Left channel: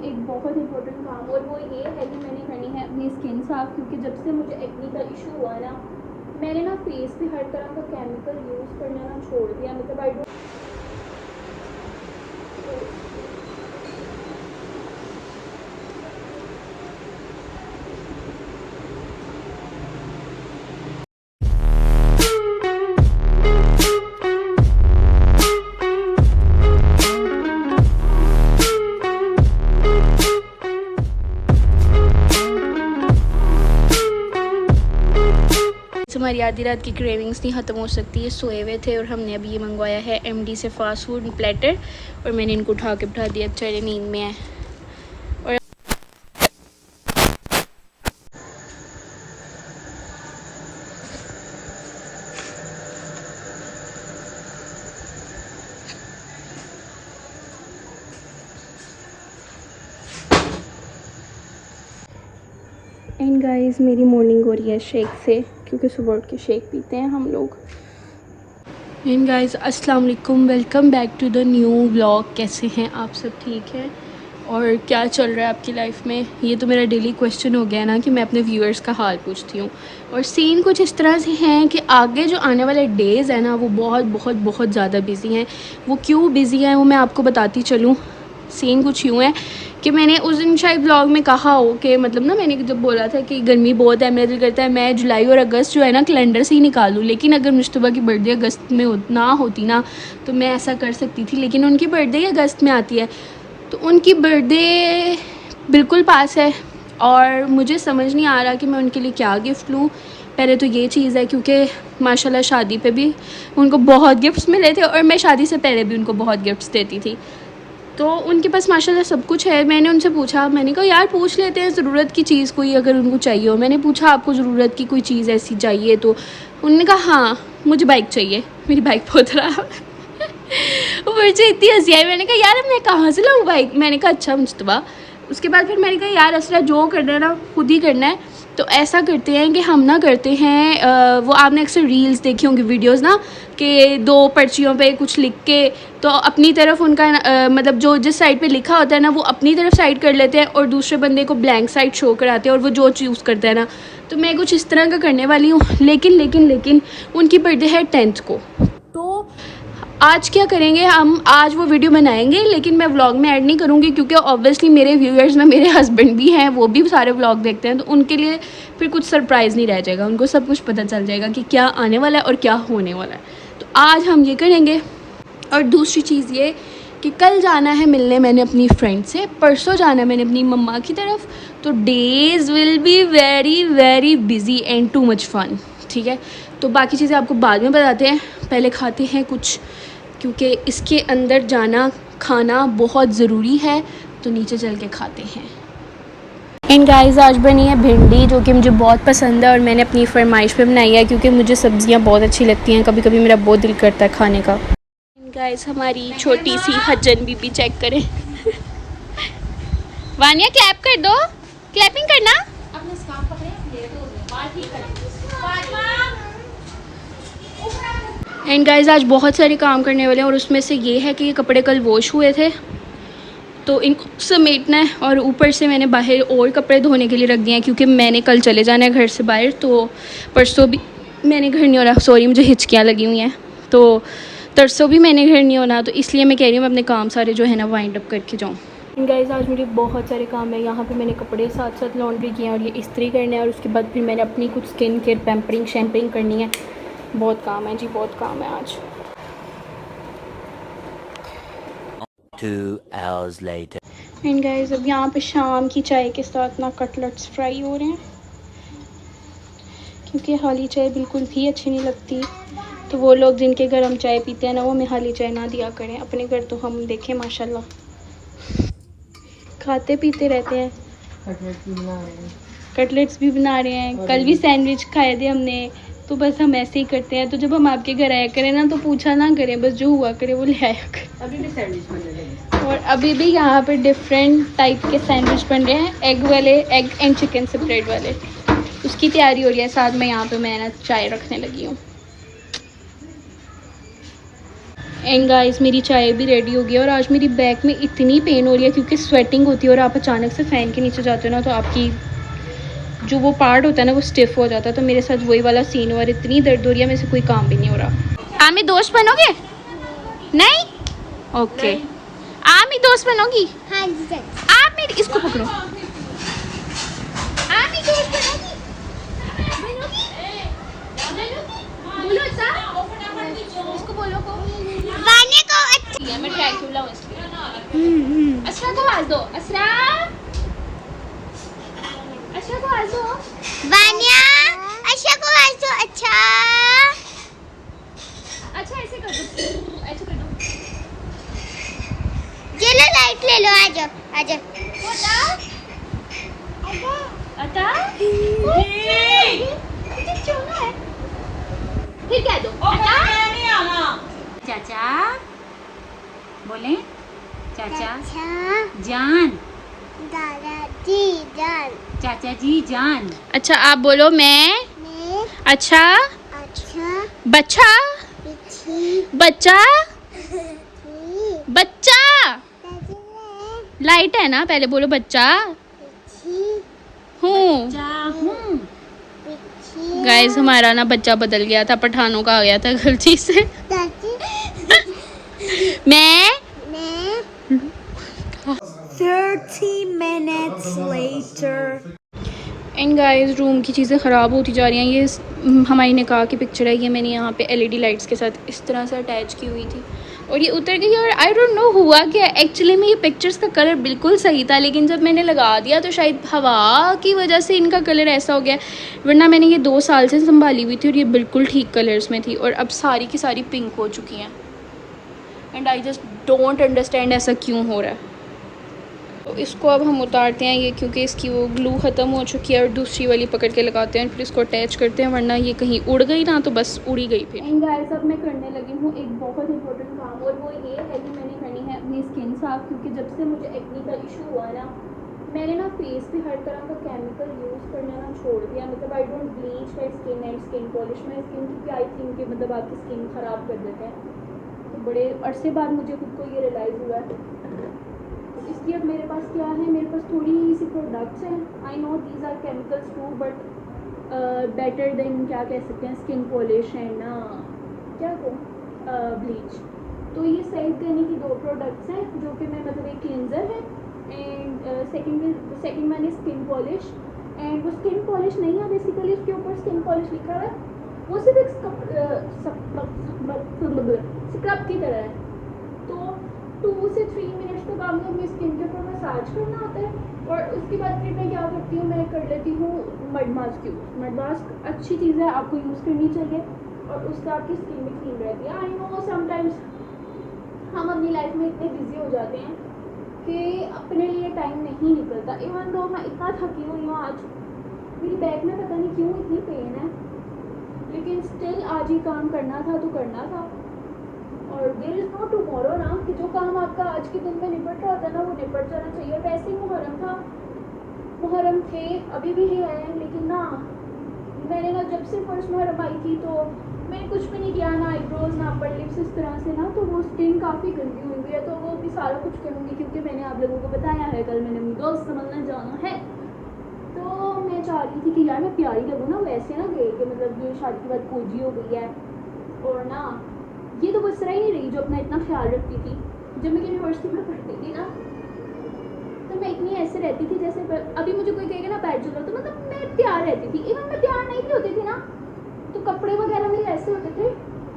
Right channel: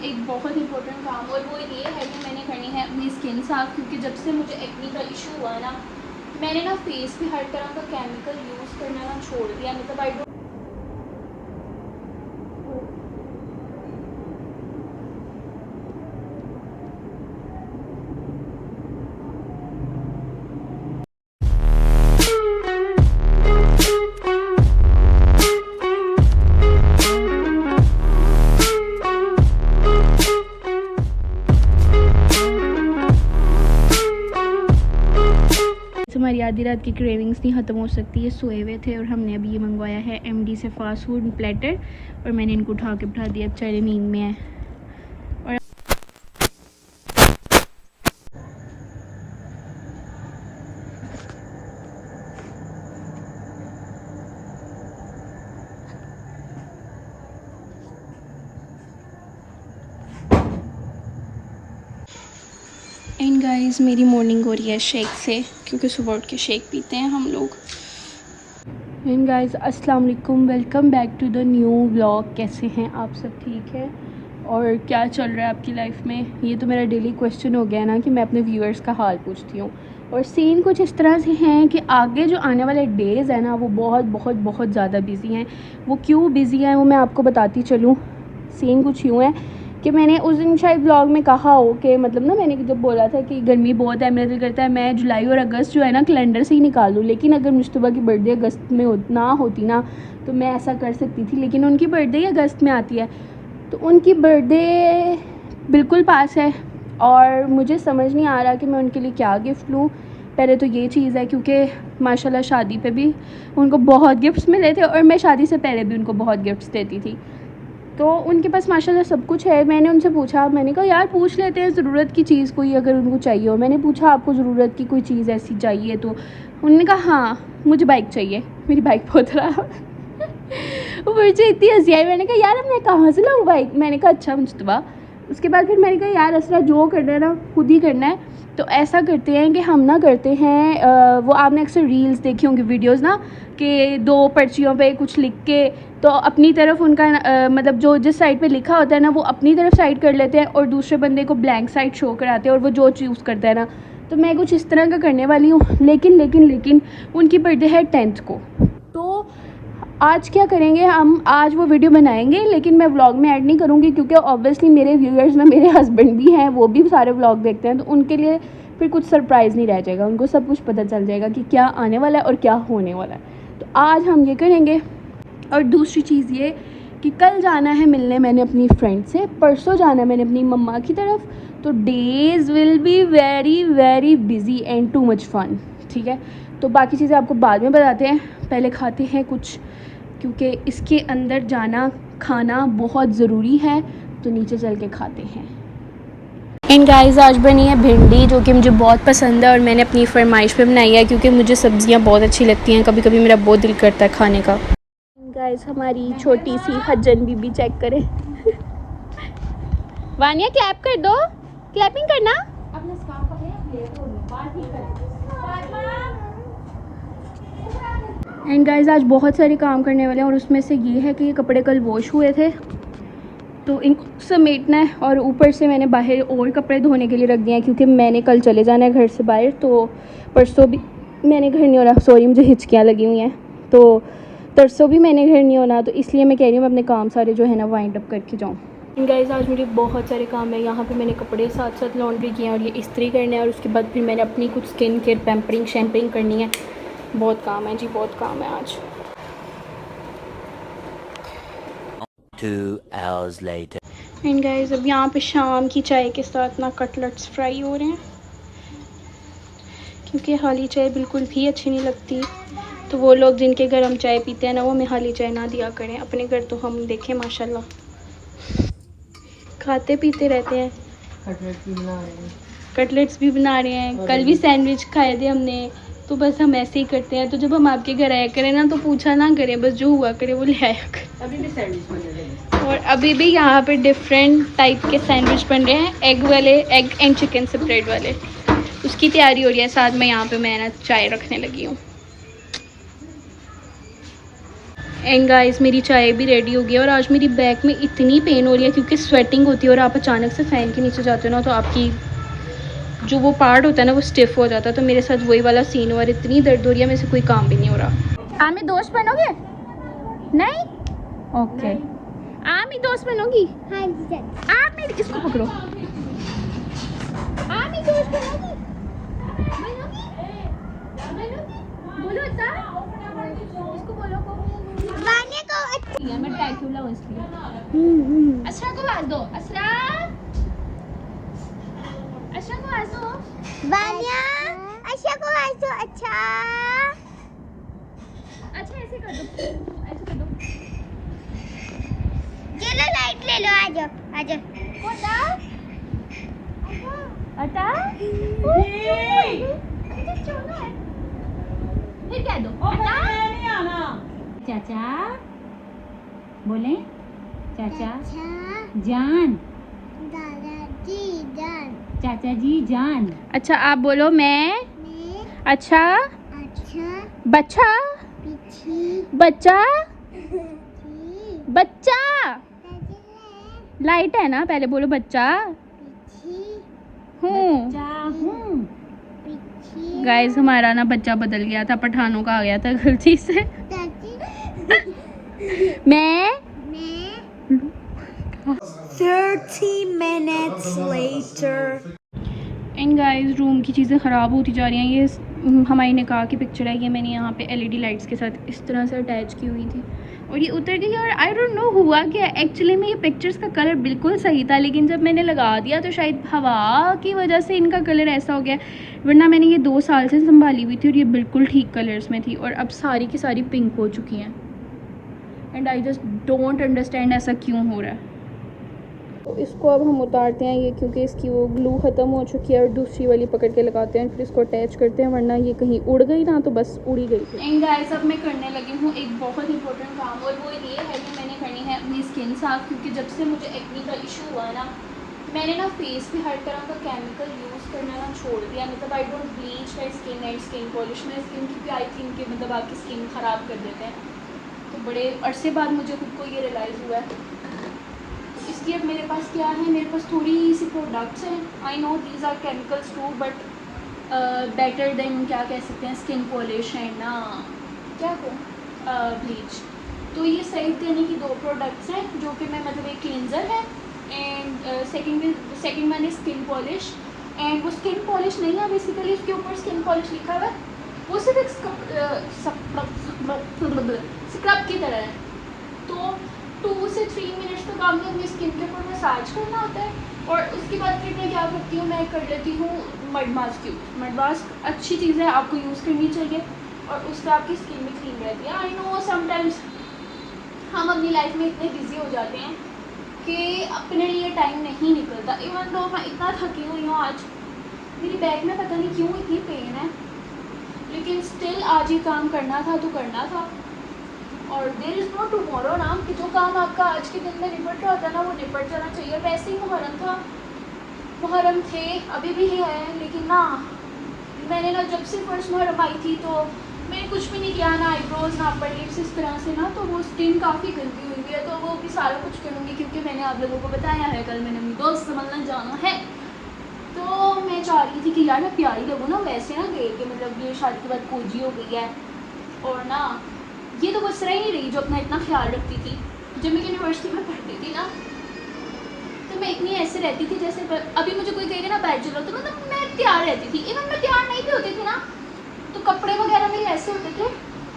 हूँ एक बहुत इंपॉर्टेंट काम, और वो ये है कि मैंने करनी है अपनी स्किन साफ़, क्योंकि जब से मुझे एक्ने का इशू हुआ है ना, मैंने ना फेस पे हर तरह का केमिकल यूज़ करना ना छोड़ दिया। मतलब आई डोंट हमारी आधी रात की क्रेविंग्स नहीं ख़त्म हो सकती है। सोए हुए थे और हमने अभी ये मंगवाया है एमडी से फास्ट फूड प्लेटर, और मैंने इनको उठा के बिठा दिया, बेचारे नींद में है। और एंड गाइस मेरी मॉर्निंग हो रही है शेक से, क्योंकि सुबह उठ के शेक पीते हैं हम लोग। एंड गाइस अस्सलाम वालेकुम, welcome back to the new vlog. कैसे हैं आप सब? ठीक हैं? और क्या चल रहा है आपकी लाइफ में? ये तो मेरा डेली क्वेश्चन हो गया ना कि मैं अपने व्यूअर्स का हाल पूछती हूँ। और सीन कुछ इस तरह से हैं कि आगे जो आने वाले डेज़ हैं ना, वो बहुत बहुत बहुत ज़्यादा बिज़ी हैं। वो क्यों बिज़ी हैं वो मैं आपको बताती चलूँ। सीन कुछ यूँ है कि मैंने उस दिन शायद ब्लॉग में कहा हो कि मतलब ना, मैंने जब बोला था कि गर्मी बहुत है, मेरा दिल करता है मैं जुलाई और अगस्त जो है ना कैलेंडर से ही निकाल लूँ, लेकिन अगर मुश्तबा की बर्थडे अगस्त में ना होती ना तो मैं ऐसा कर सकती थी, लेकिन उनकी बर्थडे ही अगस्त में आती है। तो उनकी बर्थडे बिल्कुल पास है और मुझे समझ नहीं आ रहा कि मैं उनके लिए क्या गिफ्ट लूँ। पहले तो ये चीज़ है क्योंकि माशाल्लाह शादी पे भी उनको बहुत गिफ्ट्स मिले थे और मैं शादी से पहले भी उनको बहुत गिफ्ट्स देती थी, तो उनके पास माशाल्लाह सब कुछ है। मैंने उनसे पूछा, मैंने कहा यार पूछ लेते हैं ज़रूरत की चीज़ कोई अगर उनको चाहिए हो। मैंने पूछा आपको ज़रूरत की कोई चीज़ ऐसी चाहिए? तो उन्होंने कहा हाँ मुझे बाइक चाहिए, मेरी बाइक बहुत ख़राब मुझे इतनी हंसी आई। मैंने कहा यार अब मैं कहाँ से लाऊँ बाइक? मैंने कहा अच्छा मुस्तबा। उसके बाद फिर मैंने कहा यार असरा जो करना है ना खुद ही करना है। तो ऐसा करते हैं कि हम ना करते हैं वो आपने अक्सर रील्स देखी होंगी, वीडियोस ना, कि दो पर्चियों पे कुछ लिख के तो अपनी तरफ उनका मतलब जो जिस साइड पे लिखा होता है ना वो अपनी तरफ साइड कर लेते हैं और दूसरे बंदे को ब्लैंक साइड शो कराते हैं और वो जो चूज़ करता है ना, तो मैं कुछ इस तरह का करने वाली हूँ। लेकिन उनकी बर्थडे है 10th को। तो आज क्या करेंगे हम? आज वो वीडियो बनाएंगे लेकिन मैं व्लॉग में ऐड नहीं करूँगी, क्योंकि ऑब्वियसली मेरे व्यूअर्स में मेरे हस्बैंड भी हैं, वो भी सारे व्लॉग देखते हैं, तो उनके लिए फिर कुछ सरप्राइज़ नहीं रह जाएगा, उनको सब कुछ पता चल जाएगा कि क्या आने वाला है और क्या होने वाला है। तो आज हम ये करेंगे। और दूसरी चीज़ ये कि कल जाना है मिलने मैंने अपनी फ्रेंड से, परसों जाना है मैंने अपनी मम्मा की तरफ, तो days will be very very busy and too much fun. ठीक है, तो बाकी चीज़ें आपको बाद में बताते हैं, पहले खाते हैं कुछ, क्योंकि इसके अंदर जाना खाना बहुत ज़रूरी है। तो नीचे चल के खाते हैं। एंड गाइस आज बनी है भिंडी, जो कि मुझे बहुत पसंद है और मैंने अपनी फरमाइश पे बनाई है, क्योंकि मुझे सब्ज़ियां बहुत अच्छी लगती हैं, कभी कभी मेरा बहुत दिल करता है खाने का। गाइस हमारी छोटी सी हज्जन बीबी चेक करें वानिया क्लैप कर दो, क्लैपिंग करना। अपना स्कार्फ पकड़े, लेट हो गया, बाल ठीक करें। एंड गाइस आज बहुत सारे काम करने वाले हैं और उसमें से ये है कि ये कपड़े कल वॉश हुए थे तो इनको समेटना है, और ऊपर से मैंने बाहर और कपड़े धोने के लिए रख दिए हैं, क्योंकि मैंने कल चले जाना है घर से बाहर, तो परसों भी मैंने घर नहीं होना। सॉरी मुझे हिचकियाँ लगी हुई हैं, तो तरसों भी मैंने घर नहीं होना, तो इसलिए मैं कह रही हूँ मैं अपने काम सारे जो है ना वाइंड अप करके जाऊँ। गाइस आज मुझे बहुत सारे काम है। यहाँ पे मैंने कपड़े साथ साथ लॉन्ड्री किए हैं और ये इस्त्री करने हैं, और उसके बाद फिर मैंने अपनी कुछ स्किन केयर पैम्परिंग शैम्परिंग करनी है। बहुत काम है जी, बहुत काम है आज। 2 hours later. एंड गाइस अब यहाँ पे शाम की चाय के साथ ना कटलेट्स फ्राई हो रहे हैं, क्योंकि हाली चाय बिल्कुल भी अच्छी नहीं लगती, तो वो लोग जिनके घर हम चाय पीते हैं ना वो हमें हाली चाय ना दिया करें। अपने घर तो हम देखें माशाल्लाह खाते पीते रहते हैं। कटलेट्स भी बना रहे हैं, कल भी सैंडविच खाए थे हमने, तो बस हम ऐसे ही करते हैं। तो जब हम आपके घर आया करें ना तो पूछा ना करें, बस जो हुआ करे वो ले आया करें। और अभी भी यहाँ पे डिफरेंट टाइप के सैंडविच बन रहे हैं, एग वाले, एग एंड चिकन से ब्रेड वाले, उसकी तैयारी हो रही है। साथ में यहाँ पे मैं चाय रखने लगी हूँ। एंड गाइस मेरी चाय भी रेडी हो गई और आज मेरी बैक में इतनी पेन हो रही है क्योंकि स्वेटिंग होती है और आप अचानक से फ़ैन के नीचे जाते हो ना तो आपकी जो वो पार्ट होता है ना वो स्टिफ हो जाता है। तो मेरे साथ वही वाला सीन हुआ, इतनी दर्द हो रही है, मेरे से कोई काम भी नहीं हो रहा। आप मेरी दोस्त बनोगे? नहीं? ओके। आप मेरी दोस्त बनोगी? हाँ जी। आप मेरी इसको पकड़ो। आप मेरी दोस्त बनोगी? बोलो ऐसा। इसको बोलो को। वाने को मैं ड्रैकुला हूँ इसलिए। असरा को आवाज दो। असरा को आवाज दो। वानिया अच्छा को वासो अच्छा। अच्छा ऐसे कर दो, ऐसे कर दो। चलो लाइट ले लो, आ जाओ आ जाओ। अटा फिर कह दो चाचा बोले चाचा अच्छा जान, दादाजी जान। चाचा जी जान। अच्छा आप बोलो मैं अच्छा अच्छा बच्चा पीछे बच्चा बच्चा लाइट है ना, पहले बोलो बच्चा हूँ। हूँ। गाइस हमारा ना बच्चा बदल गया था, पठानों का आ गया था गलती से। मैं 30 minutes later। And guys room की चीज़ें ख़राब होती जा रही हैं। ये हमारी निकाह की पिक्चर है, ये मैंने यहाँ पे एलईडी लाइट्स के साथ इस तरह से अटैच की हुई थी और ये उतर गई और आई डोंट नो हुआ क्या। एक्चुअली में ये पिक्चर्स का कलर बिल्कुल सही था लेकिन जब मैंने लगा दिया तो शायद हवा की वजह से इनका कलर ऐसा हो गया, वरना मैंने ये 2 साल से संभाली हुई थी और ये बिल्कुल ठीक कलर्स में थी और अब सारी की सारी पिंक हो चुकी हैं। And I just don't understand ऐसा क्यों हो रहा है। तो इसको अब हम उतारते हैं ये, क्योंकि इसकी वो ग्लू ख़त्म हो चुकी है और दूसरी वाली पकड़ के लगाते हैं फिर इसको अटैच करते हैं, वरना ये कहीं उड़ गई ना तो बस उड़ी गई फिर। एंड गाइस अब मैं करने लगी हूँ एक बहुत इंपॉर्टेंट काम और वो ये है कि मैंने करनी है अपनी स्किन साफ, क्योंकि जब से मुझे एक्ने का इशू हुआ ना मैंने ना फेस पे हर तरह का केमिकल यूज़ करना ना छोड़ दिया। मतलब I don't bleach my skin and skin polish my skin, क्योंकि आई थिंक कि मतलब आपकी स्किन ख़राब कर देते हैं। तो बड़े अरसे बाद मुझे खुद को ये रियलाइज़ हुआ है। इसलिए अब मेरे पास क्या है, मेरे पास थोड़ी सी प्रोडक्ट्स हैं। I know these are chemicals too but better than क्या कह सकते हैं स्किन पॉलिश एंड ना क्या को ब्लीच। तो ये सही देने की 2 प्रोडक्ट्स हैं जो कि मैं मतलब एक क्लींजर है and second one is skin polish. And वो स्किन पॉलिश नहीं है, बेसिकली उसके ऊपर स्किन पॉलिश लिखा हुआ है, वो सिर्फ एक स्क्रब की तरह है। तो 2 से 3 मिनट्स तक आपने अपनी स्किन के ऊपर मसाज करना होता है और उसके बाद फिर मैं क्या करती हूँ, मैं कर लेती हूँ mud mask use. Mud mask अच्छी चीज़ है, आपको यूज़ करनी चाहिए और उससे आपकी स्किन भी क्लीन रहती है। आई नो समटाइम्स हम अपनी लाइफ में इतने बिजी हो जाते हैं कि अपने लिए टाइम नहीं निकलता। इवन दो मैं इतना थकी हुई हूँ, आज मेरी बैक में पता नहीं क्यों इतनी पेन है, लेकिन स्टिल आज ये काम करना था तो करना था। और देयर इज़ नो टुमारो ना, कि जो काम आपका आज के दिन में निपट रहा होता है ना वो निपट जाना चाहिए। वैसे ही मुहर्रम था, मुहर्रम थे, अभी भी है, लेकिन ना मैंने ना जब से फर्स्ट मुहर्रम आई थी तो मैंने कुछ भी नहीं किया, ना आईब्रोज ना अपर लिप्स, इस तरह से ना तो वो स्किन काफ़ी गंदी हुई है। तो वो भी सारा कुछ करूँगी क्योंकि मैंने आप लोगों को बताया है कल मैंने अपनी दोस्त से मिलने जाना है। तो मैं चाह रही थी कि यार मैं प्यारी लगूँ ना, वैसे ना गए कि मतलब ये शादी के बाद कोजी हो गई है और ना ये तो बस रह ही रही जो अपना इतना ख्याल रखती थी। जब मैं यूनिवर्सिटी में पढ़ती थी ना तो मैं इतनी ऐसे रहती थी जैसे अभी मुझे कोई कहेगा ना पैर चलो तो मतलब मैं तैयार रहती थी। इवन मैं तैयार नहीं भी होती थी ना तो कपड़े वगैरह मेरे ऐसे होते थे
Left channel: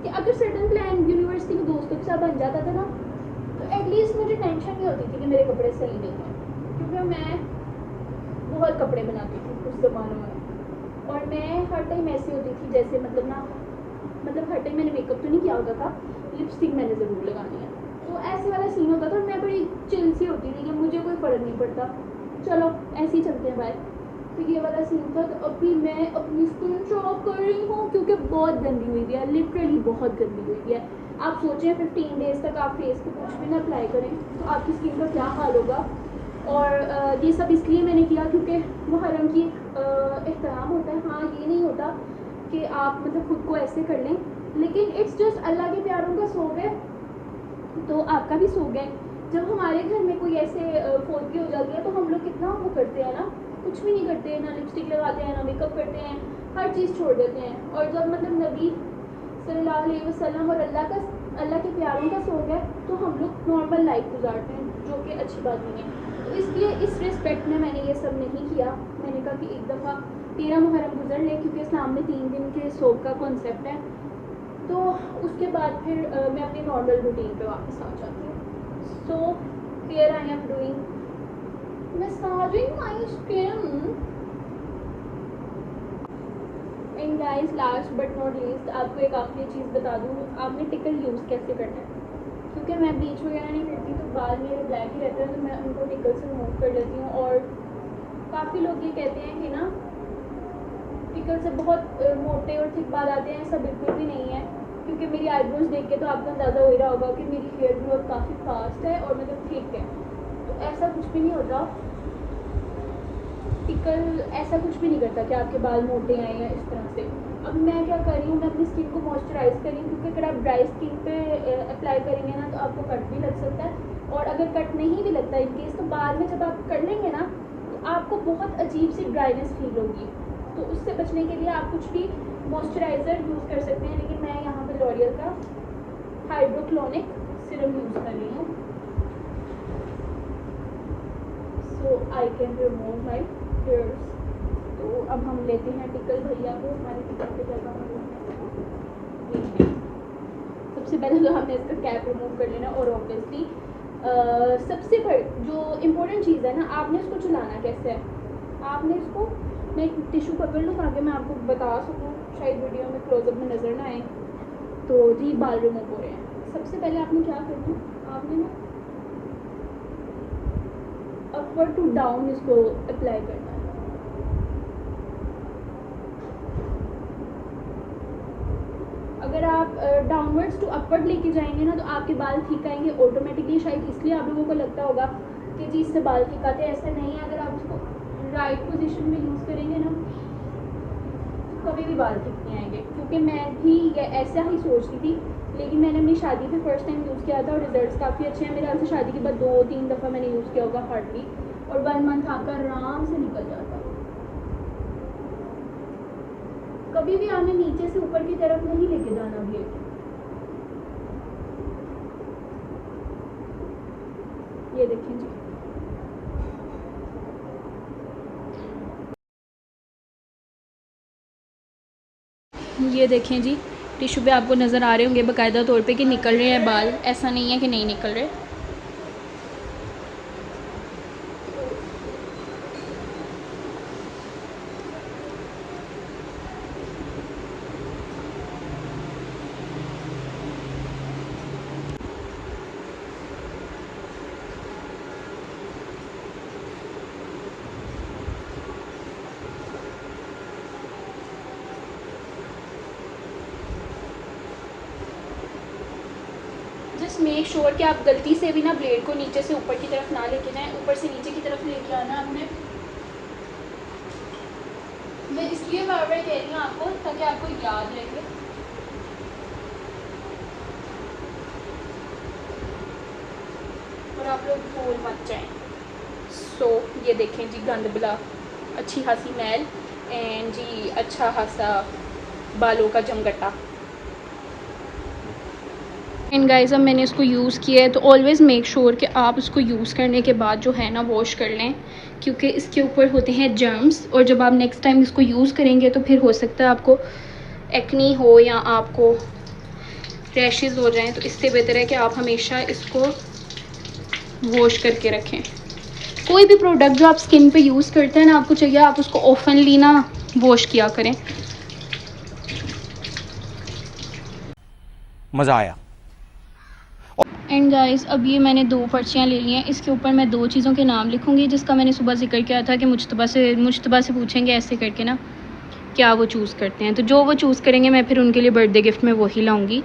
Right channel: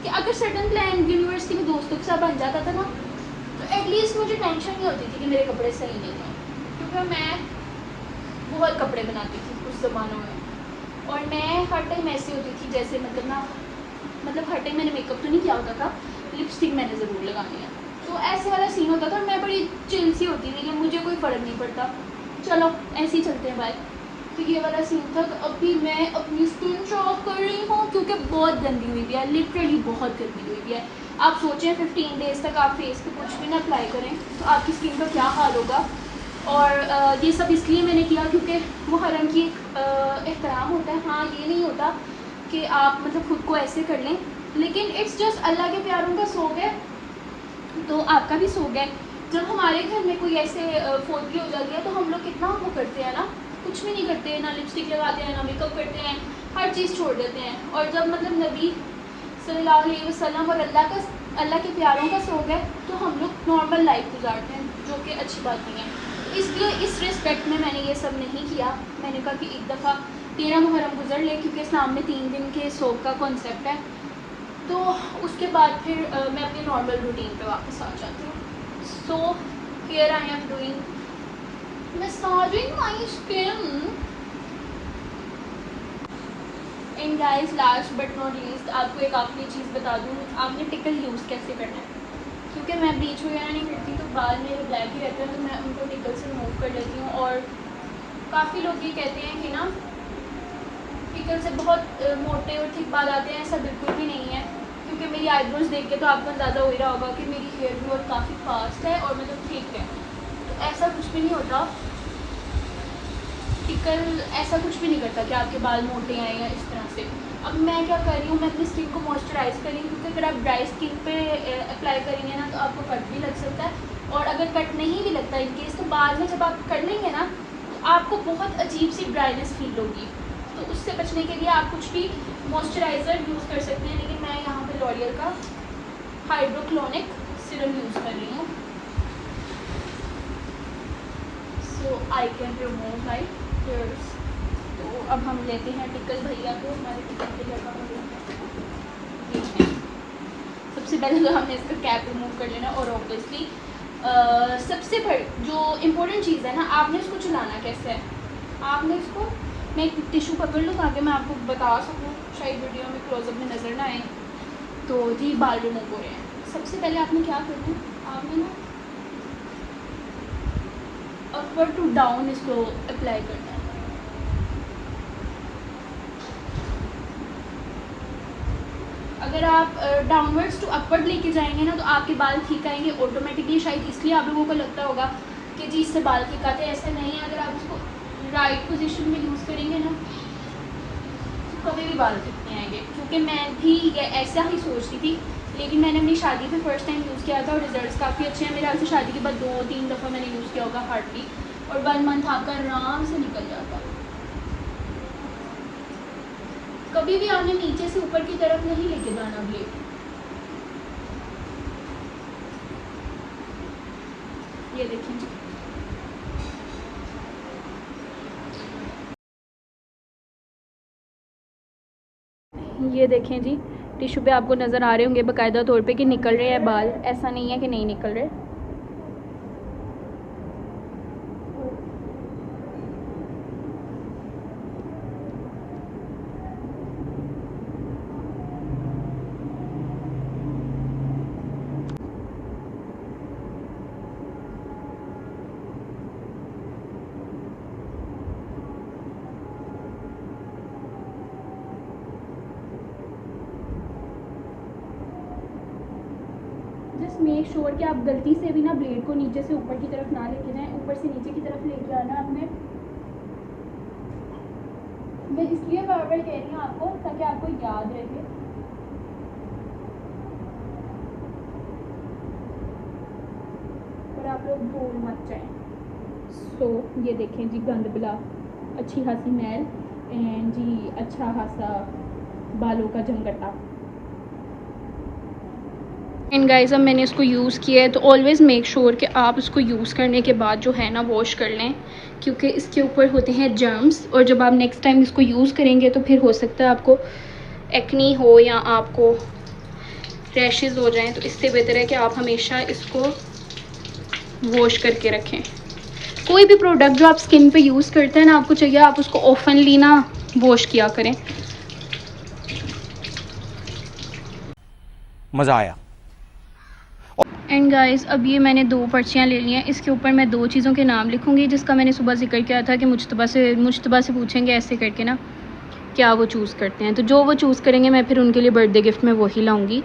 कि अगर सर्टन प्लान यूनिवर्सिटी में दोस्तों के साथ बन जाता था ना तो एटलीस्ट मुझे टेंशन नहीं होती थी कि मेरे कपड़े सही नहीं थे, क्योंकि मैं बहुत कपड़े बनाती थी उस ज़मानों में। और मैं हर टाइम ऐसी होती थी जैसे मतलब हर टाइम मैंने मेकअप तो नहीं किया होता था, लिपस्टिक मैंने ज़रूर लगानी है, तो ऐसे वाला सीन होता था और मैं बड़ी चिल सी होती थी कि मुझे कोई फ़र्क नहीं पड़ता, चलो ऐसे ही चलते हैं बाय। तो ये वाला सीन था। तो अभी मैं अपनी स्किन चॉक कर रही हूँ क्योंकि बहुत गंदी हुई है, लिटरली बहुत गंदी हुई है। आप सोचें 15 डेज़ तक आप फेस पे कुछ भी ना अप्लाई करें तो आपकी स्किन का क्या हाल होगा। और ये सब इसलिए मैंने किया क्योंकि मुहर्रम की एहतराम होता है। हाँ ये नहीं होता कि आप मतलब खुद को ऐसे कर लें, लेकिन इट्स जस्ट अल्लाह के प्यारों का सौग है तो आपका भी शौक है। जब हमारे घर में कोई ऐसे फोटली हो जाती है तो हम लोग कितना वो करते हैं ना, कुछ भी नहीं करते हैं, ना लिपस्टिक लगाते हैं, ना मेकअप करते हैं, हर चीज़ छोड़ देते हैं। और जब मतलब नबी सल्लल्लाहु अलैहि वसल्लम और अल्लाह के प्यारों का शौक है तो हम लोग नॉर्मल लाइफ गुजारते हैं, जो कि अच्छी बात नहीं है। तो इसलिए इस रिस्पेक्ट में मैंने ये सब नहीं किया। मैंने कहा कि एक दफ़ा 13 मुहर्रम गुजर ले, क्योंकि इस्लाम में 3 दिन के शौक का कॉन्सेप्ट है। तो उसके बाद फिर मैं अपनी नॉर्मल रूटीन पे वापस आ जाती हूँ। So here I am doing massaging my skin. And guys, last but not least, आपको एक आखिरी चीज़ बता दूँ, आपने टिकल यूज़ कैसे करना है। क्योंकि मैं ब्लीच वगैरह नहीं करती तो बाल मेरे ब्लैक ही रहते हैं, तो मैं उनको टिकल से रिमूव कर लेती हूँ। और काफ़ी लोग ये कहते हैं कि ना टिकल से बहुत मोटे और थिक बाल आते हैं, ऐसा बिल्कुल भी नहीं है। क्योंकि मेरी आईब्रोज देख के तो आपको अंदाज़ा हो ही रहा होगा कि मेरी हेयर ग्रोथ काफ़ी फास्ट है और मतलब ठीक है। तो ऐसा कुछ भी नहीं होता, टिकल ऐसा कुछ भी नहीं करता कि आपके बाल मोटे आए या इस तरह से। अब मैं क्या कर रही हूँ, मैं अपनी स्किन को मॉइस्चराइज़ कर रही हूँ, क्योंकि अगर आप ड्राई स्किन पे अप्लाई करेंगे ना तो आपको कट भी लग सकता है। और अगर कट नहीं भी लगता इन केस, तो बाद में जब आप कर लेंगे ना तो आपको बहुत अजीब सी ड्राइनेस फील होगी। तो उससे बचने के लिए आप कुछ भी मॉइस्चराइज़र यूज़ कर सकते हैं। लेकिन मैं यहाँ पे लॉरियल का हाइड्रोक्लोनिक सीरम यूज़ कर रही हूँ, so I can remove my hairs. तो अब हम लेते हैं टिकल भैया को, हमारे टिकल के जगह सबसे पहले तो हमने इसका कैप रिमूव कर लेना। और ऑब्वियसली सबसे बड़ी जो इम्पोर्टेंट चीज़ है ना, आपने इसको चलाना कैसे है। आपने इसको, मैं एक टिश्यू पकड़ लूँ ताकि मैं आपको बता सकूँ, शायद वीडियो में क्लोजअप में नज़र ना आए। तो जी बाल रिमूव हो रहे हैं। सबसे पहले आपने क्या करना है, आपने ना अपवर्ड टू डाउन इसको अप्लाई करना है। अगर आप डाउनवर्ड्स टू अपवर्ड लेके जाएंगे ना तो आपके बाल ठीक आएंगे ऑटोमेटिकली। शायद इसलिए आप लोगों को लगता होगा कि जी इससे बाल ठीक आते हैं, ऐसा नहीं है। अगर आप इसको राइट पोजीशन में यूज़ करेंगे ना तो कभी भी बाल ठीक नहीं आएंगे। क्योंकि मैं भी ऐसा ही सोचती थी, लेकिन मैंने अपनी शादी पे फर्स्ट टाइम यूज़ किया था और रिजल्ट्स काफ़ी अच्छे हैं। मेरे हाथ से शादी के बाद 2-3 दफ़ा मैंने यूज़ किया होगा हार्डली, और 1 मंथ आपका आराम से निकल जाता है। कभी भी आपने नीचे से ऊपर की तरफ नहीं लेके जाना ब्लेड। ये देखें जी, ये देखें जी, टिश्यू पे आपको नज़र आ रहे होंगे बाकायदा तौर पे कि निकल रहे हैं बाल, ऐसा नहीं है कि नहीं निकल रहे। जस्ट मेक श्योर कि आप गलती से भी ना ब्लेड को नीचे से ऊपर की तरफ ना लेके जाएं, ऊपर से नीचे की तरफ लेके आना आपने। मैं इसलिए बार बार कह रही हूँ आपको ताकि आपको याद रहे और आप लोग भूल मत जाएं। सो ये देखें जी, गंद बला, अच्छी खासी मैल एंड जी अच्छा खासा बालों का जमगटा। एंड गाइस, अब मैंने इसको यूज़ किया है तो ऑलवेज़ मेक श्योर कि आप इसको यूज़ करने के बाद जो है ना वॉश कर लें, क्योंकि इसके ऊपर होते हैं जर्म्स। और जब आप नेक्स्ट टाइम इसको यूज़ करेंगे तो फिर हो सकता है आपको एक्नी हो या आपको रैशेज़ हो जाएं। तो इससे बेहतर है कि आप हमेशा इसको वॉश करके रखें। कोई भी प्रोडक्ट जो आप स्किन पे यूज़ करते हैं ना, आपको चाहिए आप उसको ओपनली ना वॉश किया करें। मज़ा आया। एंड गाइस, अब ये मैंने 2 पर्चियाँ ले ली हैं। इसके ऊपर मैं 2 चीज़ों के नाम लिखूँगी, जिसका मैंने सुबह जिक्र किया था कि मुश्तबा से पूछेंगे ऐसे करके ना क्या वो चूज़ करते हैं। तो जो वो चूज़ करेंगे मैं फिर उनके लिए बर्थडे गिफ्ट में वही लाऊंगी।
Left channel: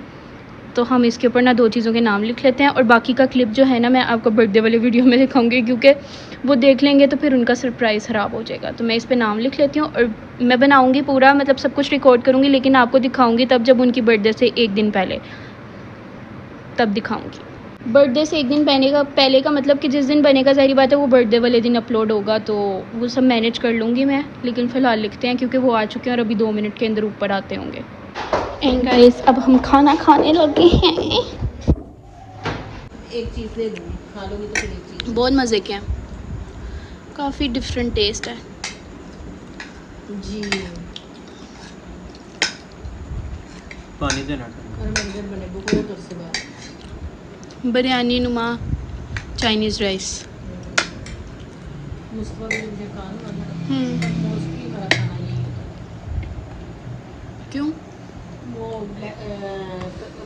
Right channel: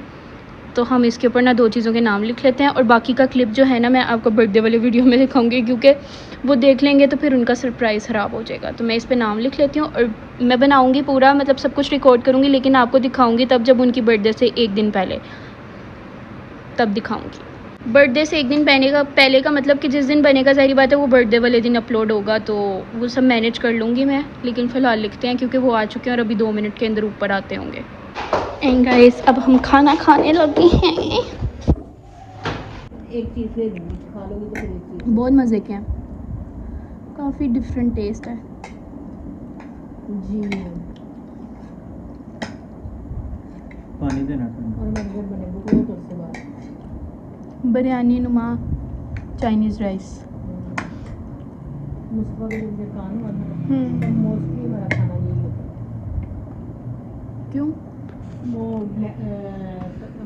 तो हम इसके ऊपर ना 2 चीज़ों के नाम लिख लेते हैं, और बाकी का क्लिप जो है ना मैं आपको बर्थडे वाले वीडियो में दिखाऊंगी, क्योंकि वो देख लेंगे तो फिर उनका सरप्राइज़ ख़राब हो जाएगा। तो मैं इस पर नाम लिख लेती हूँ और मैं बनाऊँगी पूरा, मतलब सब कुछ रिकॉर्ड करूँगी, लेकिन आपको दिखाऊँगी तब जब उनकी बर्थडे से 1 दिन पहले, तब दिखाऊँगी। बर्थडे से एक दिन पहले का मतलब कि जिस दिन बनेगा, ज़ाहिर बात है वो बर्थडे वाले दिन अपलोड होगा, तो वो सब मैनेज कर लूँगी मैं। लेकिन फ़िलहाल लिखते हैं क्योंकि वो आ चुके हैं और अभी 2 मिनट के अंदर ऊपर आते होंगे। एंड गाइस अब हम खाना खाने लगे हैं। एक चीज़ दे दूँगी, खा लोगी तो फिर एक चीज़। बहुत मज़े के हैं, काफ़ी डिफरेंट टेस्ट है जी। पानी देना ठंडा। और मंदिर बने बहुत तो उससे बात। बिरयानी नुमा चाइनीज़ राइस। मुस्तफा भी मुझे खाना मोस्टली हमारा खाना यही होता है। क्यों? वो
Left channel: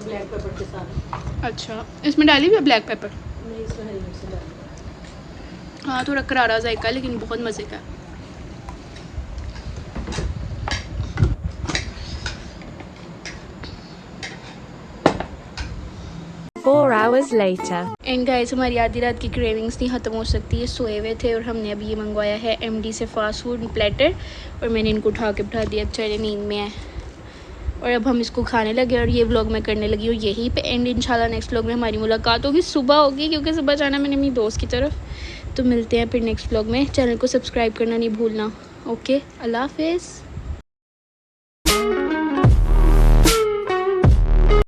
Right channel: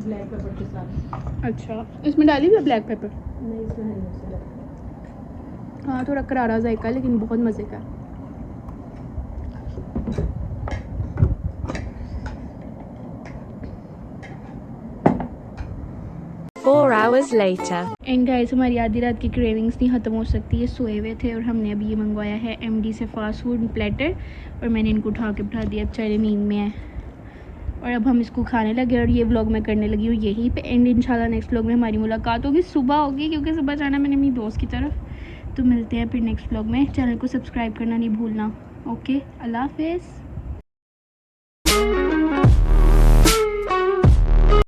ब्लैक पेपर के साथ। अच्छा, इसमें डाली हुई है ब्लैक पेपर? नहीं, इसमें हरी मिर्ची डाली। हाँ, थोड़ा करारा जायका है लेकिन बहुत मज़े का है। 4 hours later. एंड गाइस हमारी आधी रात की क्रेविंग्स नहीं ख़त्म हो सकती है, सोए हुए थे और हमने अभी ये मंगवाया है एमडी से फास्ट फूड प्लेटर, और मैंने इनको उठा के बिठा दिया, बेचारे नींद में है और अब हम इसको खाने लगे और ये व्लॉग मैं करने लगी हूँ यहीं पे एंड। इंशाल्लाह नेक्स्ट व्लॉग में हमारी मुलाकात होगी, सुबह होगी क्योंकि सुबह जाना मैंने अपनी दोस्त की तरफ। तो मिलते हैं फिर नेक्स्ट व्लॉग में। चैनल को सब्सक्राइब करना नहीं भूलना। ओके, अल्लाह हाफिज़।